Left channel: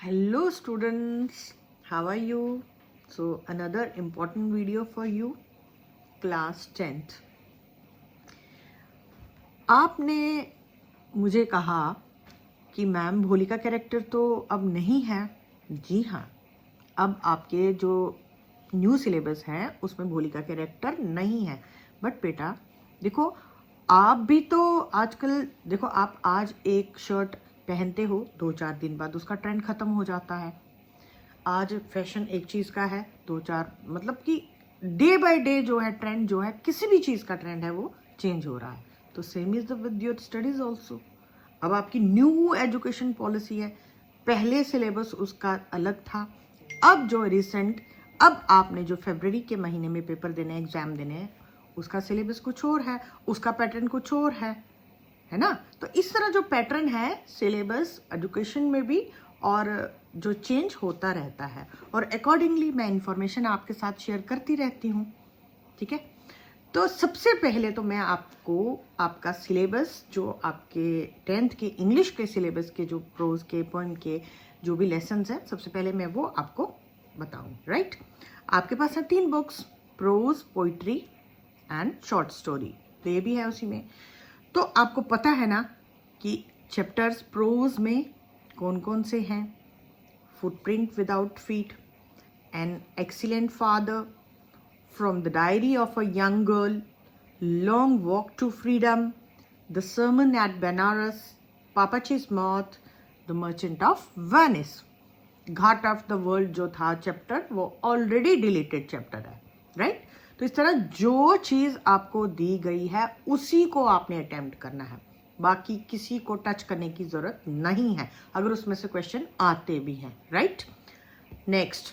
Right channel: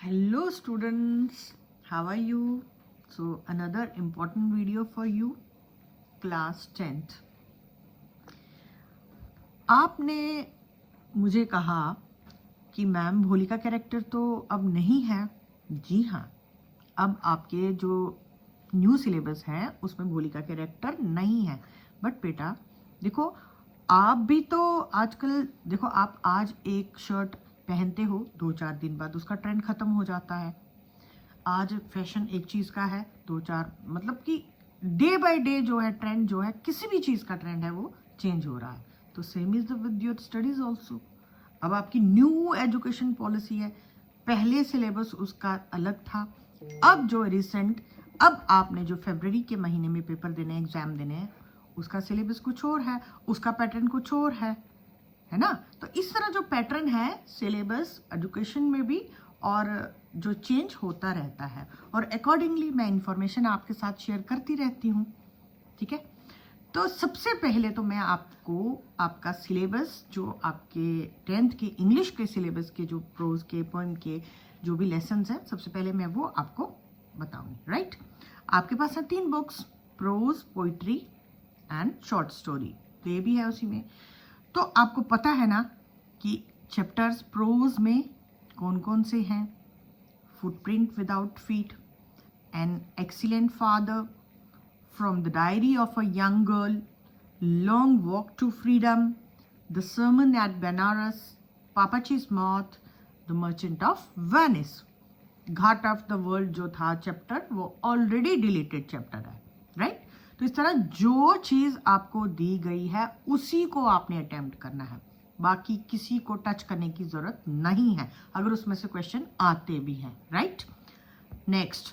Hello students, how are you? So another important video for you, class 10th. आपने मुझे कहा कि ma'am भोली का कैरेक्टर तो अब नहीं है. जी हाँ, अब आपके जो न्यू सिलेबस है उसमें भोली का कैरेक्टर नहीं है. बट बेटा देखो, आप भी तो आजकल देखो, आप आज एक शर्ट पहनते हो, 2-4 दिन बाद उसका ट्रेंड खत्म हो जाता है. आज फैशन एक चीज़ का है, 2-4 मतलब कि डे बाय डे जो है ट्रेंड, जो है किसी भी चीज़ का ट्रेंड है वो चेंज हो रहा है. तो same is the with your studies also. अब आपकी न्यू एजुकेशन पॉलिसी है. पहले सिलेबस उसका अलग था. अब जो रिसेंट, अब आपने जो फरवरी के महीने में पेपर देने, एग्जाम देने हैं, उसका सिलेबस कुछ और है, उसका पैटर्न कुछ और है ना. तो इस तरह जो पैटर्न है सिलेबस एजुकेशन में भी और जो चेंज होता रहता है, और अकॉर्डिंगली मैं इंफॉर्मेशन आपके साथ शेयर करती रहती हूँ. ठीक है, तो सबसे पहले तो मैं आपको आपका सिलेबस, जो आपके 10th के इंग्लिश के सिलेबस के जो प्रोज के, पोएम के जो भी लेसन्स हैं, सबसे पहले मैं वो आपको बताऊँ. राइट, आपके पास है 3 books, prose, poetry and short story. तो ये भी है उसी में. तो आपको पता है ना कि चैप्टर्स प्रोज में कौन कौन से हैं. Footprint without feet, an excellent father, from the diary of a young girl, long walk to freedom, the sermon at Banaras, पापाचीज मौत, the merchant of Venice. Ghat of the world जो था चैप्टर, वो ऑलरेडी डिलीटेड चैप्टर है. Right, तो इस तरह जो चीज आपको दी गई है उसी को आपने अटेम्प्ट करना है. बाकी किसी को टच करने की जरूरत नहीं है, अगर उसमें से क्वेश्चन आते भी हैं. Right, next,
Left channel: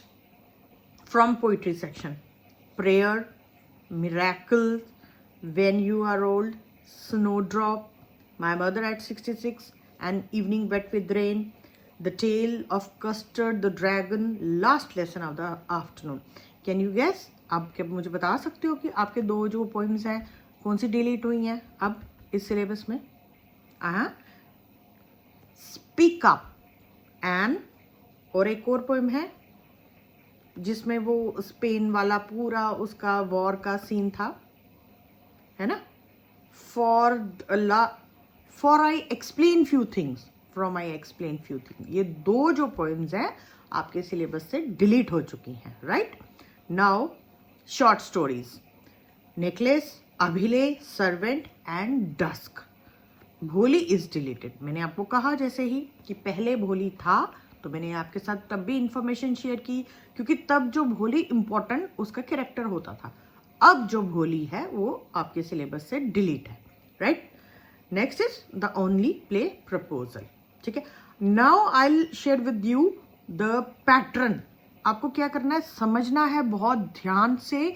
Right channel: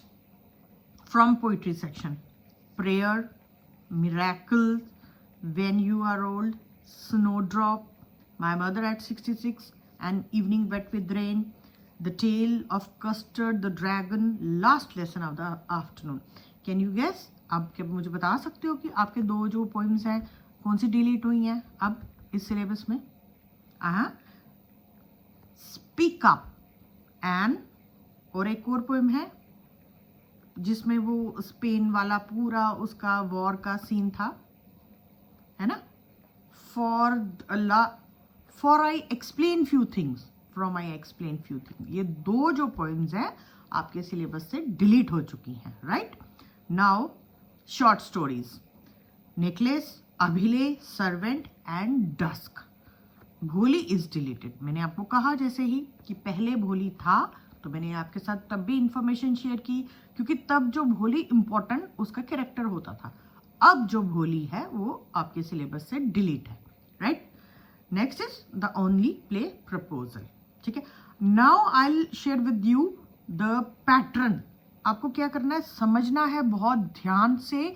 from poetry section, prayer, miracle, when you are old, snowdrop, my mother at 66, and evening wet with rain, the tale of custard the dragon, last lesson of the afternoon. Can you guess? आप क्या मुझे बता सकते हो कि आपके 2 जो poems हैं कौन सी डिलीट हुई हैं अब इस सिलेबस में? स्पीक अप एंड, और एक और पोइम है जिसमें वो स्पेन वाला पूरा उसका वॉर का सीन था, है ना. For I explain few things, from I explain few things. ये 2 जो पोइम्स हैं आपके सिलेबस से डिलीट हो चुकी हैं. Right, now short stories, necklace, अभिले, सर्वेंट एंड डस्क. भोली इज डिलीटेड. मैंने आपको कहा जैसे ही कि पहले भोली था, तो मैंने आपके साथ तब भी इंफॉर्मेशन शेयर की, क्योंकि तब जो भोली इंपॉर्टेंट उसका कैरेक्टर होता था. अब जो भोली है वो आपके सिलेबस से डिलीट है. Right, next is the only play proposal. ठीक है, now I will share with you the pattern. आपको क्या करना है, समझना है बहुत ध्यान से.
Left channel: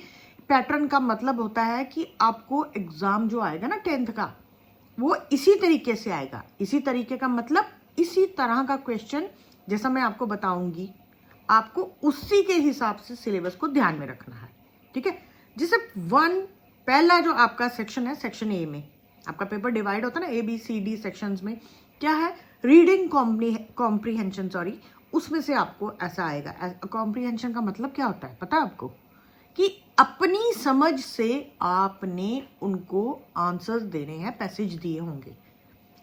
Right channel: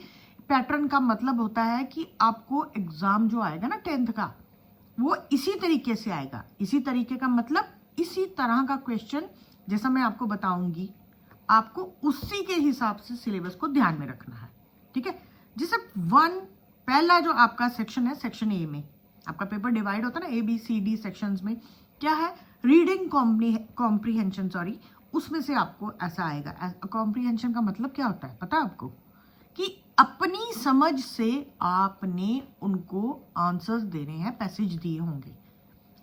पैटर्न का मतलब होता है कि आपको एग्जाम जो आएगा ना 10th का, वो इसी तरीके से आएगा. इसी तरीके का मतलब इसी तरह का क्वेश्चन जैसा मैं आपको बताऊंगी, आपको उसी के हिसाब से सिलेबस को ध्यान में रखना है. ठीक है, जैसे पहला जो आपका सेक्शन है, सेक्शन ए में आपका पेपर डिवाइड होता है ना ABCD सेक्शंस में. क्या है? रीडिंग कॉम्प्रीहेंशन, सॉरी, उसमें से आपको ऐसा आएगा. कॉम्प्रीहेंशन का मतलब क्या होता है पता है आपको? कि अपनी समझ से आपने उनको आंसर्स देने हैं, पैसेज दिए होंगे.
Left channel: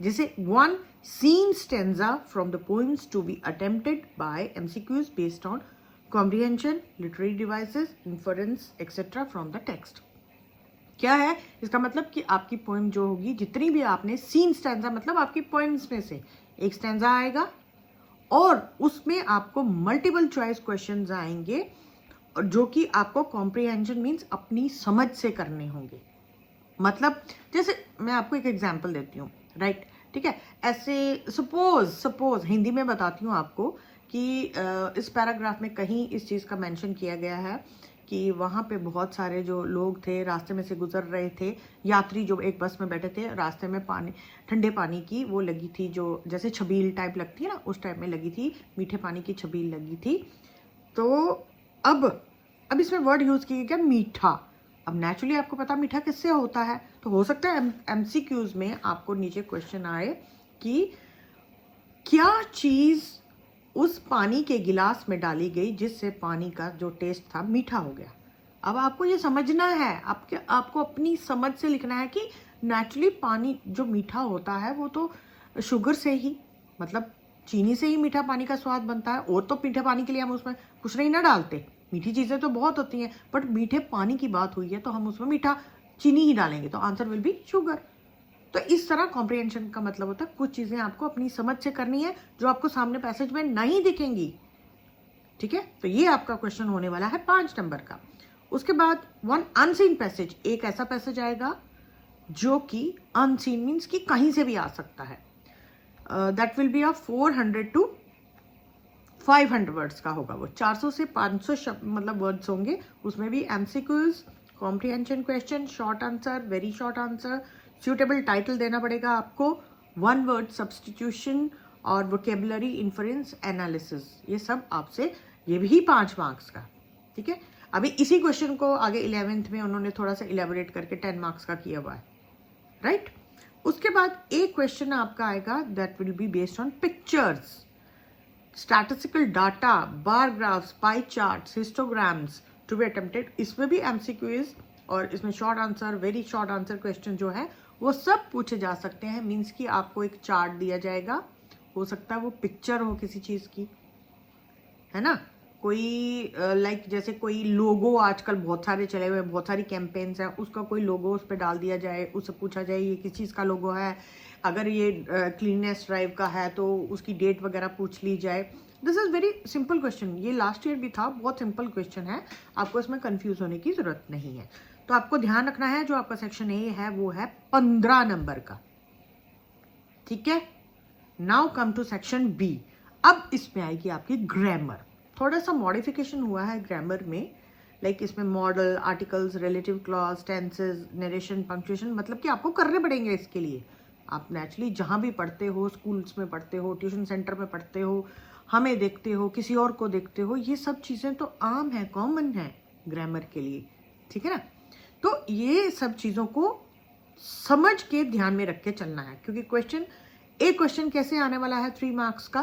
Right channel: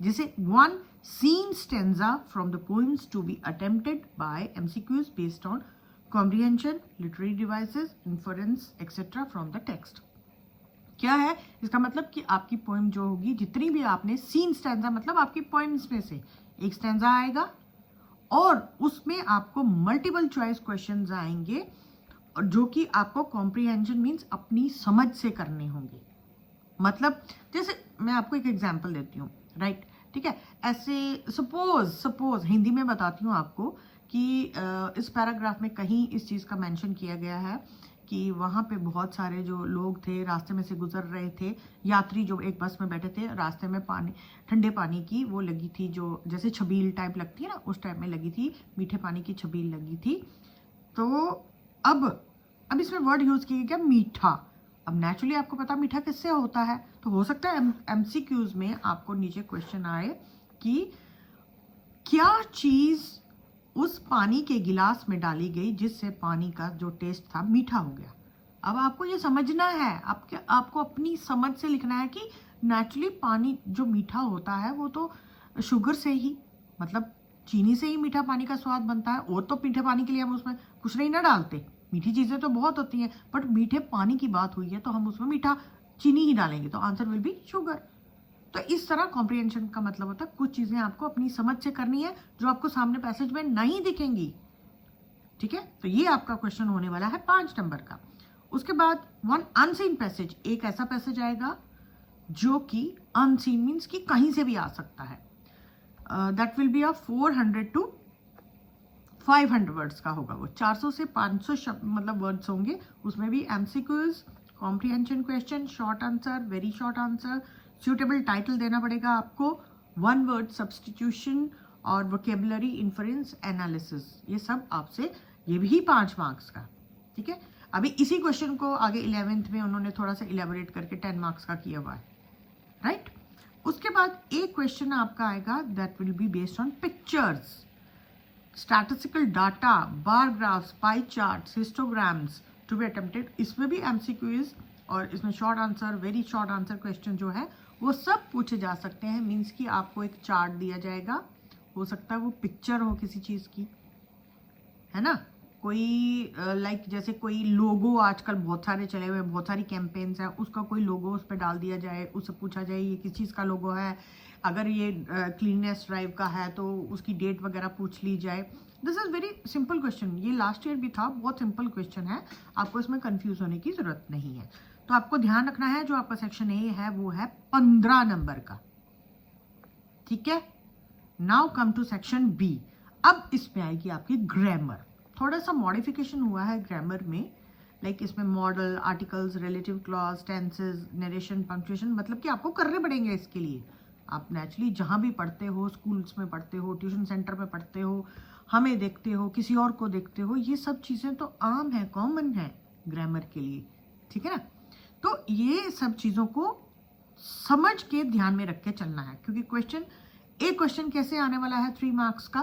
जैसे 1 seen stanza from the poems to be attempted by MCQs based on comprehension, literary devices, inference etcetera from the text. क्या है इसका मतलब? कि आपकी पोएम जो होगी, जितनी भी आपने सीन स्टेंजा मतलब आपकी पोएम्स में से एक स्टेंजा आएगा, और उसमें आपको मल्टीपल चॉइस क्वेश्चंस आएंगे, और जो कि आपको कॉम्प्रीहेंशन मीन्स अपनी समझ से करने होंगे. मतलब जैसे मैं आपको एक एग्जांपल देती हूँ. राइट, ठीक है, ऐसे सपोज हिंदी में बताती हूँ आपको कि इस पैराग्राफ में कहीं इस चीज़ का मेंशन किया गया है कि वहाँ पे बहुत सारे जो लोग थे रास्ते में से गुजर रहे थे, यात्री जो एक बस में बैठे थे, रास्ते में पानी, ठंडे पानी की वो लगी थी, जो जैसे छबील टाइप लगती है ना, उस टाइप में लगी थी, मीठे पानी की छबील लगी थी. तो अब इसमें वर्ड यूज किया गया मीठा. अब नेचुरली आपको पता मीठा किससे होता है, तो हो सकता है MCQs में आपको नीचे क्वेश्चन आए कि क्या चीज उस पानी के गिलास में डाली गई जिससे पानी का जो टेस्ट था मीठा हो गया। अब आपको ये समझना है, आपको अपनी समझ से लिखना है कि नेचुरली पानी जो मीठा होता है वो तो शुगर से ही, मतलब चीनी से ही मीठा पानी का स्वाद बनता है। और तो मीठे पानी के लिए हम उसमें कुछ नहीं ना डालते, मीठी चीज़ें तो बहुत होती हैं, बट मीठे पानी की बात हुई है तो हम उसमें मीठा चीनी ही डालेंगे, तो आंसर विल बी शुगर। तो इस तरह कॉम्प्रिहेंशन का मतलब होता है कुछ चीज़ें आपको अपनी समझ से करनी है जो आपको सामने पैसेज में नहीं दिखेंगी। ठीक है, तो ये आपका क्वेश्चन होने वाला है 5 नंबर का। उसके बाद वन अनसीन पैसेज, एक ऐसा पैसेज आएगा जो कि अनसीन मीन्स कि कहीं से भी आ सकता है। That will B of 400 to 500 words का होगा, वो 400 से 500 शब्द मतलब वर्ड्स होंगे। उसमें भी MCQs, comprehension question, short answer, very short answer, suitable title देना पड़ेगा आपको, 1 वर्ड सब्सटीट्यूशन और वोकेबुलरी इन्फरेंस एनालिसिस, ये सब आपसे, ये भी 5 मार्क्स का। ठीक है, अभी इसी क्वेश्चन को आगे 11th में उन्होंने थोड़ा सा इलेबोरेट करके 10 मार्क्स का किया हुआ है, राइट। उसके बाद एक क्वेश्चन आपका आएगा that will be based on pictures, statistical data, bar graphs, pie charts, histograms to be attempted. इसमें भी एमसीक्यूज और इसमें short answer, very short answer question जो है वो सब पूछे जा सकते हैं। मीन्स कि आपको एक चार्ट दिया जाएगा, हो सकता है वो पिक्चर हो किसी चीज की, है ना, कोई लाइक जैसे कोई लोगो आजकल बहुत सारे चले हुए हैं, बहुत सारी कैंपेन्स हैं, उसका कोई लोगो उस पर डाल दिया जाए, उससे पूछा जाए ये किस चीज़ का लोगो है। अगर ये क्लीननेस ड्राइव का है तो उसकी डेट वगैरह पूछ ली जाए। This is very simple question, ये लास्ट ईयर भी था, बहुत सिंपल क्वेश्चन है, आपको इसमें कंफ्यूज होने की जरूरत नहीं है। तो आपको ध्यान रखना है जो आपका सेक्शन ए है वो है 15 नंबर का। ठीक है, now come to section B. अब इसमें आएगी आपकी ग्रामर, थोड़ा सा मॉडिफिकेशन हुआ है ग्रामर में, लाइक इसमें model, articles, relative clause, tenses, narration, punctuation, मतलब कि आपको करने पड़ेंगे इसके लिए। आप नेचुरली जहाँ भी पढ़ते हो, स्कूल्स में पढ़ते हो, ट्यूशन सेंटर में पढ़ते हो, हमें देखते हो, किसी और को देखते हो, ये सब चीज़ें तो आम है, कॉमन है ग्रामर के लिए। ठीक है ना, तो ये सब चीज़ों को समझ के ध्यान में रख के चलना है, क्योंकि क्वेश्चन कैसे आने वाला है 3 मार्क्स का,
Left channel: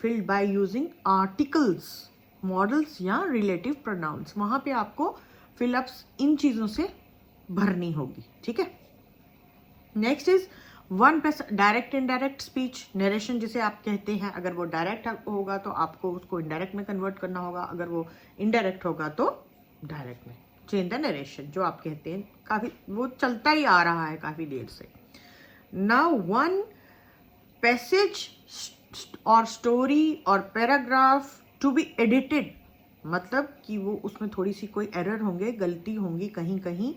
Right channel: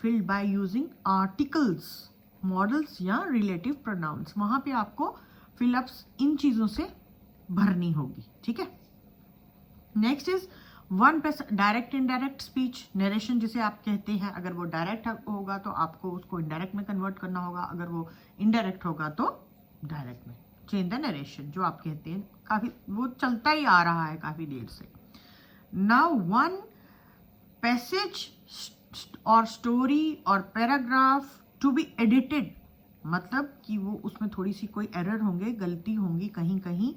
filled by using articles, models या रिलेटिव प्रोनाउंस, वहां पे आपको फिलअप्स इन चीजों से भरनी होगी। ठीक है, next is one direct indirect speech, narration जिसे आप कहते हैं, अगर वो डायरेक्ट होगा तो आपको उसको इनडायरेक्ट में कन्वर्ट करना होगा, अगर वो इनडायरेक्ट होगा तो डायरेक्ट में। चेंज द नरेशन जो आप कहते हैं, काफी वो चलता ही आ रहा है काफी देर से। नाउ वन पैसेज और स्टोरी और पैराग्राफ टू बी एडिटेड, मतलब कि वो उसमें थोड़ी सी कोई एरर होंगे, गलती होंगी, कहीं कहीं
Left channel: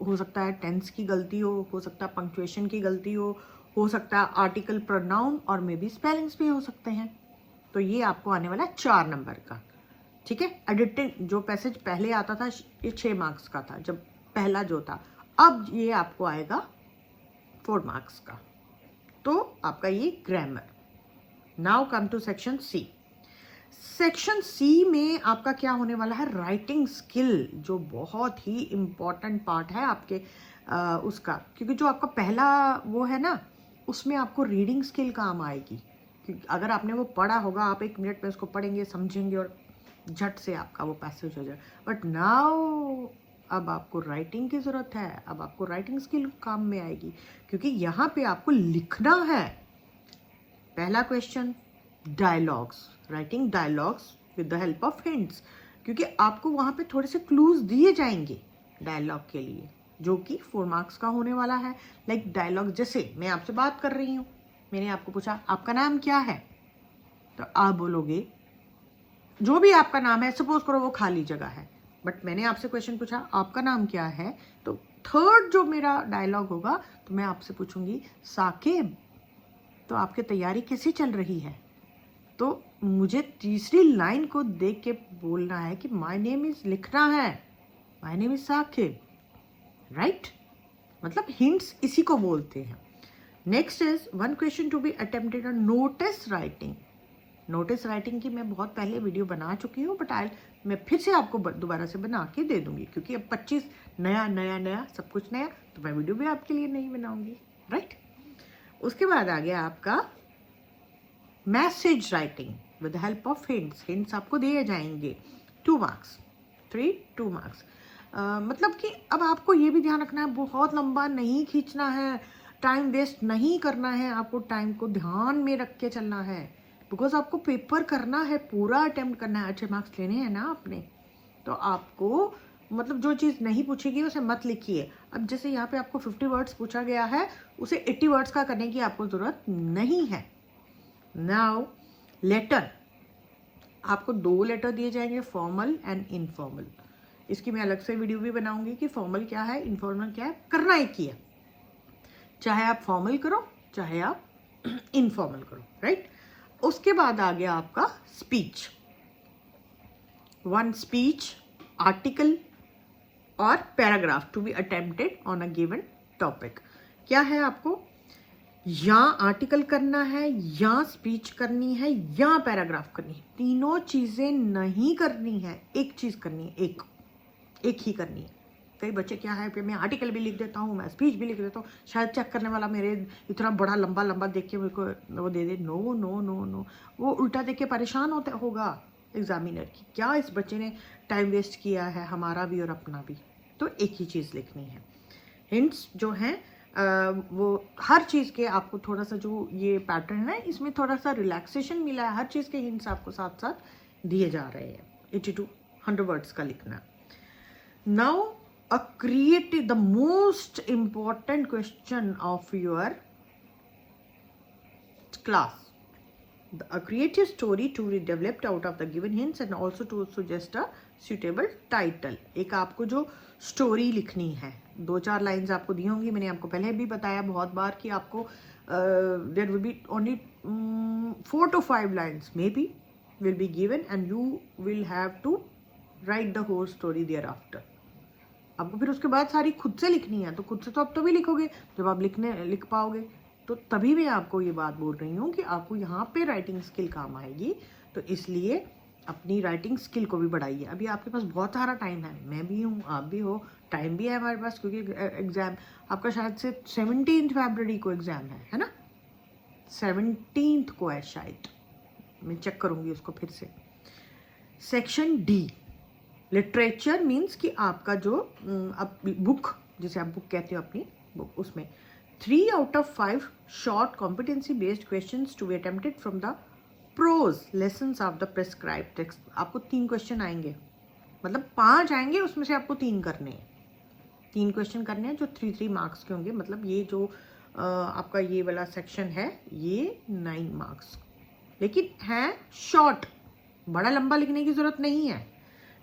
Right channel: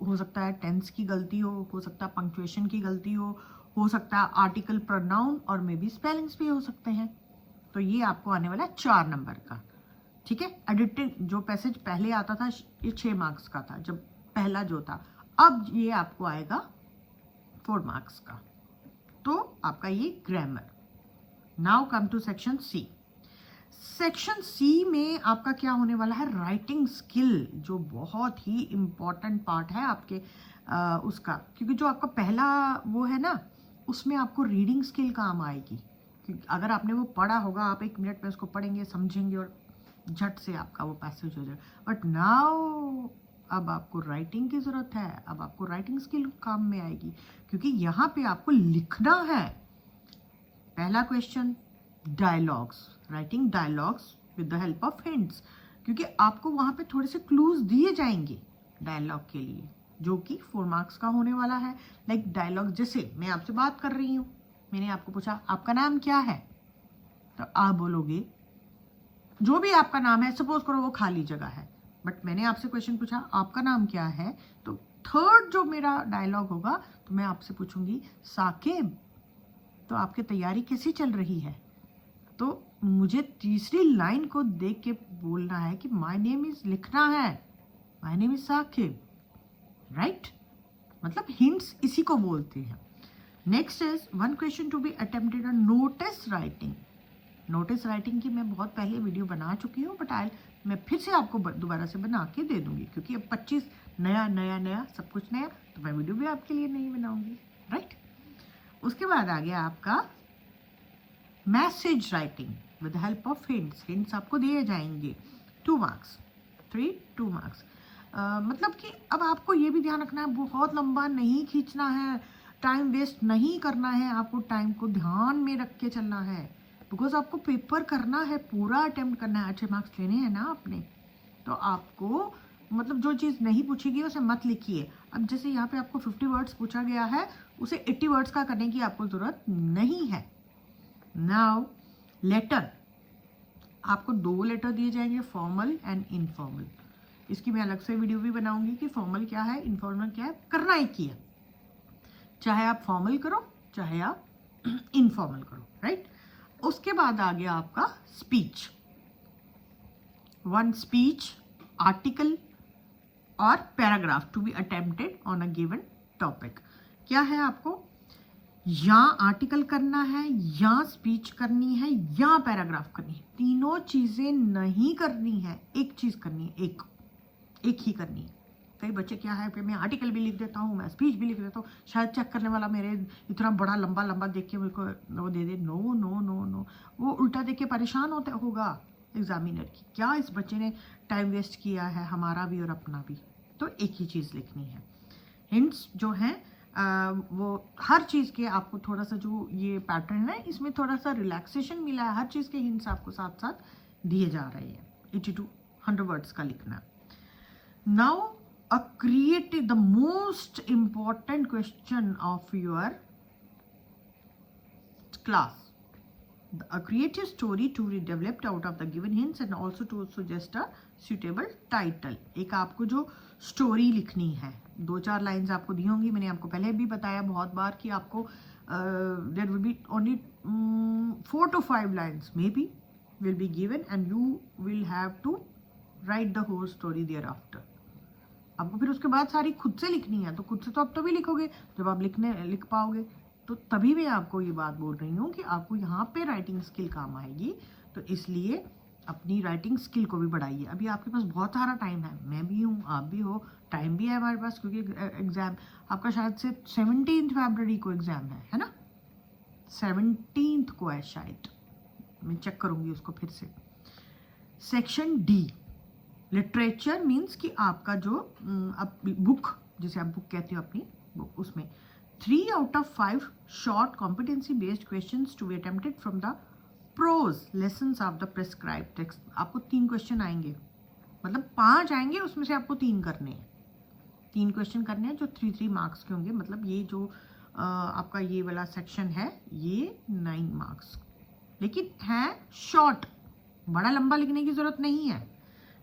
हो सकता है टेंस की गलती हो सकता है पंक्चुएशन की गलती हो सकता है आर्टिकल प्रोनाउन और मे बी स्पेलिंग्स भी हो सकते हैं। तो ये आपको आने वाला है 4 नंबर का। ठीक है, एडिटिंग जो पैसेज पहले आता था ये 6 मार्क्स का था जब पहला जो था, अब ये आपको आएगा 4 मार्क्स का। तो आपका ये grammar. Now come to section C. Section C में आपका क्या होने वाला है, राइटिंग स्किल, जो बहुत ही इंपॉर्टेंट पार्ट है आपके उसका, क्योंकि जो आपका पहला वो है ना, उसमें आपको रीडिंग स्किल काम आएगी। क्योंकि अगर आपने वो पढ़ा होगा, आप 1 मिनट में उसको पढ़ेंगे, समझेंगे और झट से आपका वो पैसेज हो जाए। बट नाउ अब आपको राइटिंग की जरूरत है, अब आपको राइटिंग स्किल काम में आएगी, क्योंकि यहाँ पे आपको लिखना है। पहला question, dialogues, writing dialogues with the help of hints, क्योंकि आपको वहां पे थोड़े से क्लूज दिए जाएंगे डायलॉग के लिए, जो कि 4 मार्क्स का होने वाला है। लाइक डायलॉग, जैसे मैं आपसे बात कर रही हूँ, मैंने आपको पूछा आपका नाम क्या है, तो आप बोलोगे जो भी आपका नाम है, सपोज करो वो खाली जगह है, बट मैंने आपसे क्वेश्चन पूछा आपका नाम क्या है, तो थर्ड जो मेरा डायलॉग होगा तो मैं आपसे पूछूंगी साकिब, तो आपकी तैयारी कैसी चल रही है। तो मुझे तीसरी लाइन को देख के बोलना है कि माय नेम इज, लिखना है my name is Saqib, right, मतलब हिंट्स इसी को बोलते हैं। Next is one question to be attempted on notice writing. Notice writing की मैं बहुत पहले वीडियो बना चुकी हूँ, बट मैं फिर से आपको दोबारा से बना के दे दूंगी, क्योंकि अब 25 नया सब कुछ नया, तो मैं वीडियो भी आपके लिए नहीं बनाऊंगी, राइट। उसके बाद आ गया आपका message writing. With help of hints. Hints आपको दिए जाएंगे। 2 मार्क्स, 2 मार्क्स। मतलब कि अब आपको ये भी ध्यान रखना है, बहुत लंबा नहीं खींचना है, टाइम वेस्ट नहीं करना है, आपको टाइम को ध्यान में रख के चलना है, बिकॉज आपको पेपर करना है, पूरा अटेम्प्ट करना है, अच्छे मार्क्स लेने हैं ना आपने। तो आपको मतलब जो चीज़ नहीं पूछेगी उसे मत लिखिए। अब जैसे यहाँ पे आपको 50 वर्ड्स पूछा गया है, उसे 80 वर्ड्स का करने की आपको ज़रूरत नहीं है। नाउ लेटर, आपको 2 लेटर दिए जाएंगे, फॉर्मल एंड इनफॉर्मल। इसकी मैं अलग से वीडियो भी बनाऊंगी कि फॉर्मल क्या है, इनफॉर्मल क्या है, करना एक ही है, चाहे आप फॉर्मल करो चाहे आप इनफॉर्मल करो, राइट। उसके बाद आ गया आपका स्पीच। 1 स्पीच, आर्टिकल और paragraph to be attempted on a given topic. क्या है, आपको या आर्टिकल करना है, या स्पीच करनी है, या पैराग्राफ करनी है। तीनों चीजें नहीं करनी है, एक चीज करनी है, एक ही करनी है। कई बच्चे क्या है, मैं आर्टिकल भी लिख देता हूँ, मैं स्पीच भी लिख देता हूँ, शायद चेक करने वाला मेरे इतना बड़ा लंबा लंबा देख के मेरे को वो दे दे। नो नो नो नो, वो उल्टा देख के परेशान होगा एग्जामिनर की, क्या इस बच्चे ने टाइम वेस्ट किया है, हमारा भी और अपना भी। तो एक ही चीज़ लिखनी है। हिंट्स जो हैं वो हर चीज़ के आपको थोड़ा सा, जो ये पैटर्न है इसमें थोड़ा सा रिलैक्सेशन मिला है, हर चीज़ के हिंट्स आपको साथ साथ दिए जा रहे हैं। 80 to 100 वर्ड्स का लिखना। Now a creative, the most important question of your class, a creative story to be developed out of the given hints and also to suggest a suitable title। एक आपको जो स्टोरी लिखनी है, 2-4 lines आपको दी होंगी, मैंने आपको पहले भी बताया बहुत बार कि आपको there will be only 4 to 5 lines maybe will be given and you will have to write the whole story thereafter। आपको फिर उसके बाद सारी खुद से लिखनी है, तो खुद से तो आप तभी लिखोगे जब आप लिख पाओगे। तो तभी मैं आपको ये बात बोल रही हूँ कि आपको यहाँ पे राइटिंग स्किल काम आएगी, तो इसलिए अपनी राइटिंग स्किल को भी बढ़ाइए। अभी आपके पास बहुत सारा टाइम है, मैं भी हूँ, आप भी हो, टाइम भी है हमारे पास, क्योंकि एग्जाम आपका शायद से 17 फरवरी को एग्जाम है ना, 17 को है शायद, मैं चेक करूँगी उसको फिर से। सेक्शन डी, लिटरेचर मीन्स कि आपका जो बुक, जिसे आप बुक कहते हो अपनी बुक, उसमें 3 out of 5 short competency based questions to be attempted from the prose lessons of the prescribed text. आपको 3 क्वेश्चन आएंगे, मतलब 5 आएंगे, उसमें से आपको 3 करने हैं, 3 क्वेश्चन करने हैं जो 3 मार्क्स के होंगे। मतलब ये जो आपका ये वाला सेक्शन है ये 9 मार्क्स, लेकिन है शॉर्ट, बड़ा लंबा लिखने की जरूरत नहीं है।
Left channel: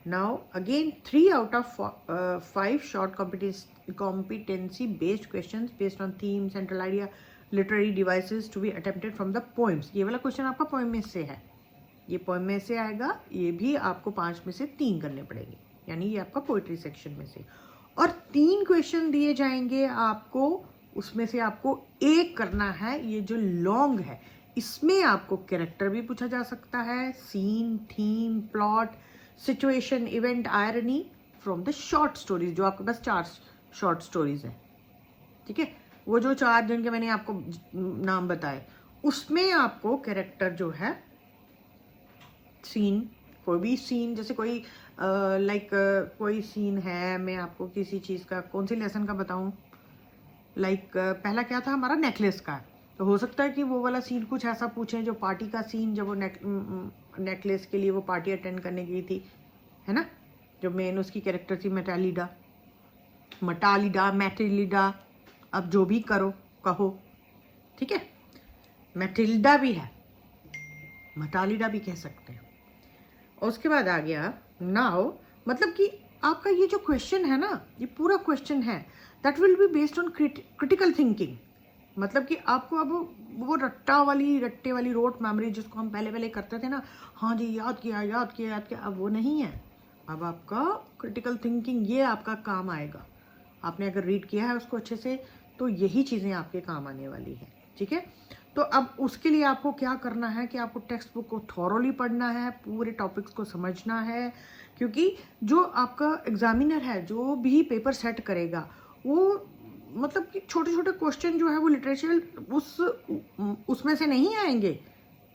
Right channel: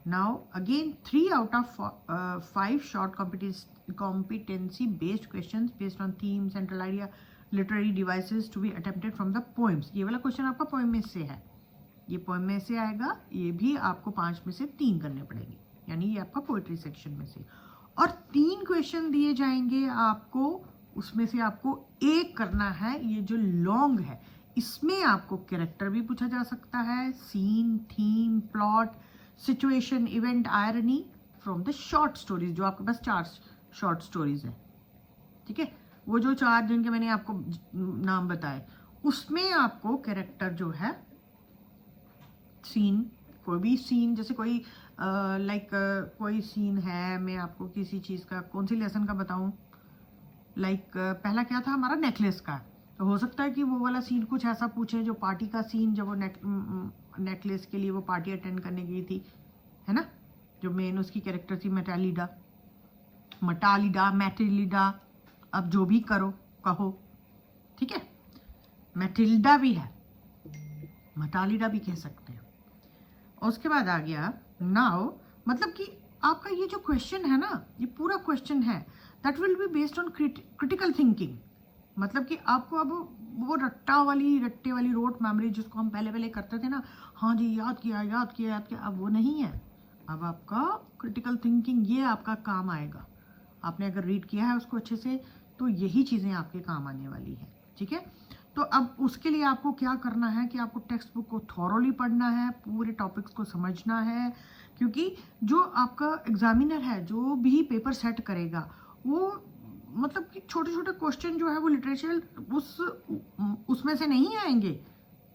Now again 3 out of 5 short competency based questions based on theme, central idea, literary devices to be attempted from the poems। ये वाला क्वेश्चन आपका पोएम में से है, ये पोएम में से आएगा, ये भी आपको 5 में से 3 करने पड़ेंगे, यानी ये आपका पोइट्री सेक्शन में से। और 3 क्वेश्चन दिए जाएंगे आपको, उसमें से आपको एक करना है, ये जो लॉन्ग है इसमें आपको कैरेक्टर भी पूछा जा सकता है, scene, theme, plot, situation, event, irony from the short stories, जो आपके पास 4 शॉर्ट स्टोरीज हैं, ठीक है, वो जो 4 जिनके मैंने आपको नाम बताए, उसमें आपको कैरेक्टर जो है, सीन, कोई भी सीन, जैसे कोई कोई सीन है, मैं आपको किसी चीज़ का, कौन सी लेसन का बताऊं, पहला क्या था हमारा, नेकलेस का, तो हो सकता है कि वो वाला सीन कुछ ऐसा पूछे जो पार्टी का सीन, जब वो नेकलेस के लिए वो पार्टी अटेंड करने गई थी, है ना, जो मेन उसकी कैरेक्टर थी मैटेलिडा, अब जो भी कहो, ठीक है, मैटिल्डा भी है, मटालिडा भी कह सकते हैं। और उसके बाद आ गया नाउ, मतलब कि आपका ये जो क्वेश्चन है ना, ये पूरा क्वेश्चन है that will be based on critical thinking. मतलब कि आपको अब वो रट्टे वाली रोट मेमोरी जिसको हम पहले करते थे ना, हाँ जी याद किया, अब वो नहीं है। अब आपका क्रिटिकल थिंकिंग, ये आपका काम आएगा। आपने अगर रीड किया है उसको अच्छे से, तो यही चीज़ें आपके काम आने वाली है, ठीक है। तो अब उसके लिए आपको क्या करना है कि आपको टेक्स्ट बुक को थॉरोली पढ़ना है, पूरे टॉपिक्स को समझना है, क्योंकि जो आपका एग्जामिनर है, जो भी पेपर सेट करेगा, वो मतलब कि छोटे छोटे क्वेश्चन जो है वो लिटरेचर उसमें से नहीं आएंगे,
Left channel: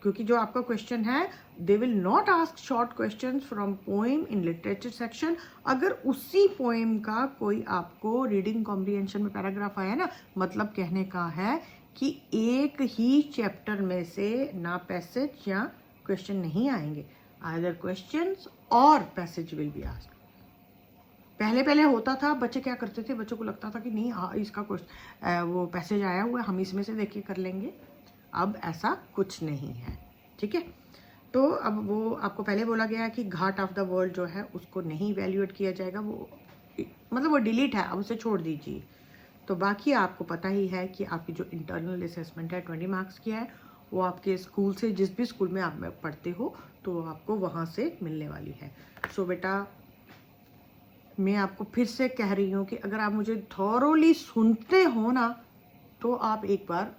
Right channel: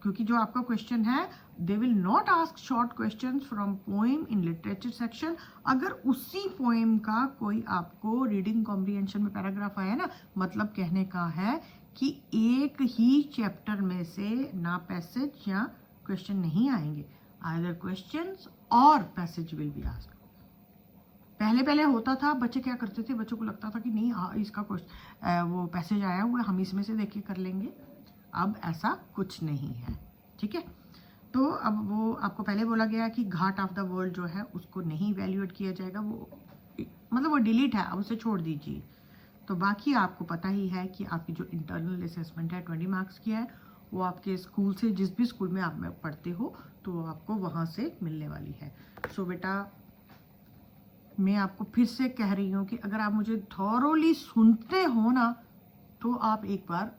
क्योंकि जो आपका क्वेश्चन है they will not ask short question from poem in literature section. अगर उसी पोएम का कोई आपको रीडिंग कॉम्प्रिहेंशन में पैराग्राफ आया ना, मतलब कहने का है कि एक ही चैप्टर में से ना पैसेज या क्वेश्चन नहीं आएंगे, आइदर क्वेश्चंस और पैसेज विल बी आस्क्ड। पहले होता था, बच्चे क्या करते थे, बच्चों को लगता था कि नहीं इसका वो पैसेज आया हुआ है, हम इसमें से देख के कर लेंगे। अब ऐसा कुछ नहीं है, ठीक है। तो अब वो आपको पहले बोला गया कि घाट ऑफ द वर्ल्ड जो है उसको नहीं वैल्यूएट किया जाएगा, वो मतलब वो डिलीट है, अब उसे छोड़ दीजिए। तो बाकी आपको पता ही है कि आपकी जो इंटरनल असेसमेंट है 20 मार्क्स की है, वो आपके स्कूल से, जिस भी स्कूल में आप पढ़ते हो, तो आपको वहाँ से मिलने वाली है। सो बेटा, मैं आपको फिर से कह रही हूँ कि अगर आप मुझे थॉरोली सुनते हो ना, तो आप एक बार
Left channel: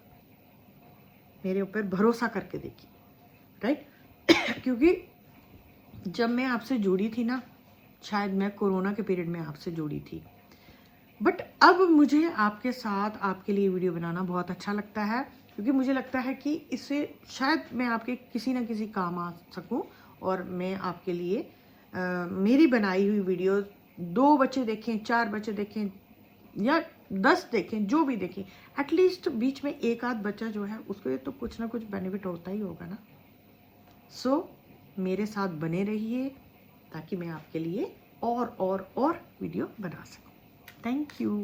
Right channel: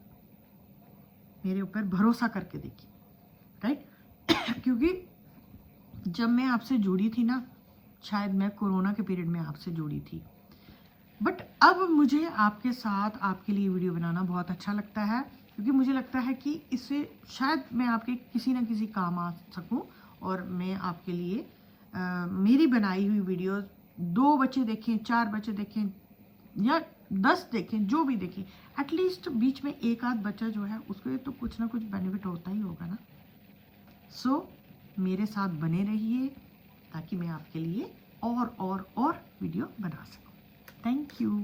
मेरे ऊपर भरोसा करके देखिए, राइट। क्योंकि जब मैं आपसे जुड़ी थी ना, शायद मैं कोरोना के पीरियड में आपसे जुड़ी थी, बट अब मुझे आपके साथ आपके लिए वीडियो बनाना बहुत अच्छा लगता है, क्योंकि मुझे लगता है कि इससे शायद मैं आपके किसी ना किसी काम आ सकूं, और मैं आपके लिए मेरी बनाई हुई वीडियो 2 बच्चे देखें, 4 बच्चे देखें या 10 देखें, जो भी देखें, एटलीस्ट बीच में एक आध बच्चा जो है उसको तो कुछ ना कुछ बेनिफिट होता ही होगा ना। सो मेरे साथ बने रहिए ताकि मैं आपके लिए और वीडियो बना सकूं। Thank you.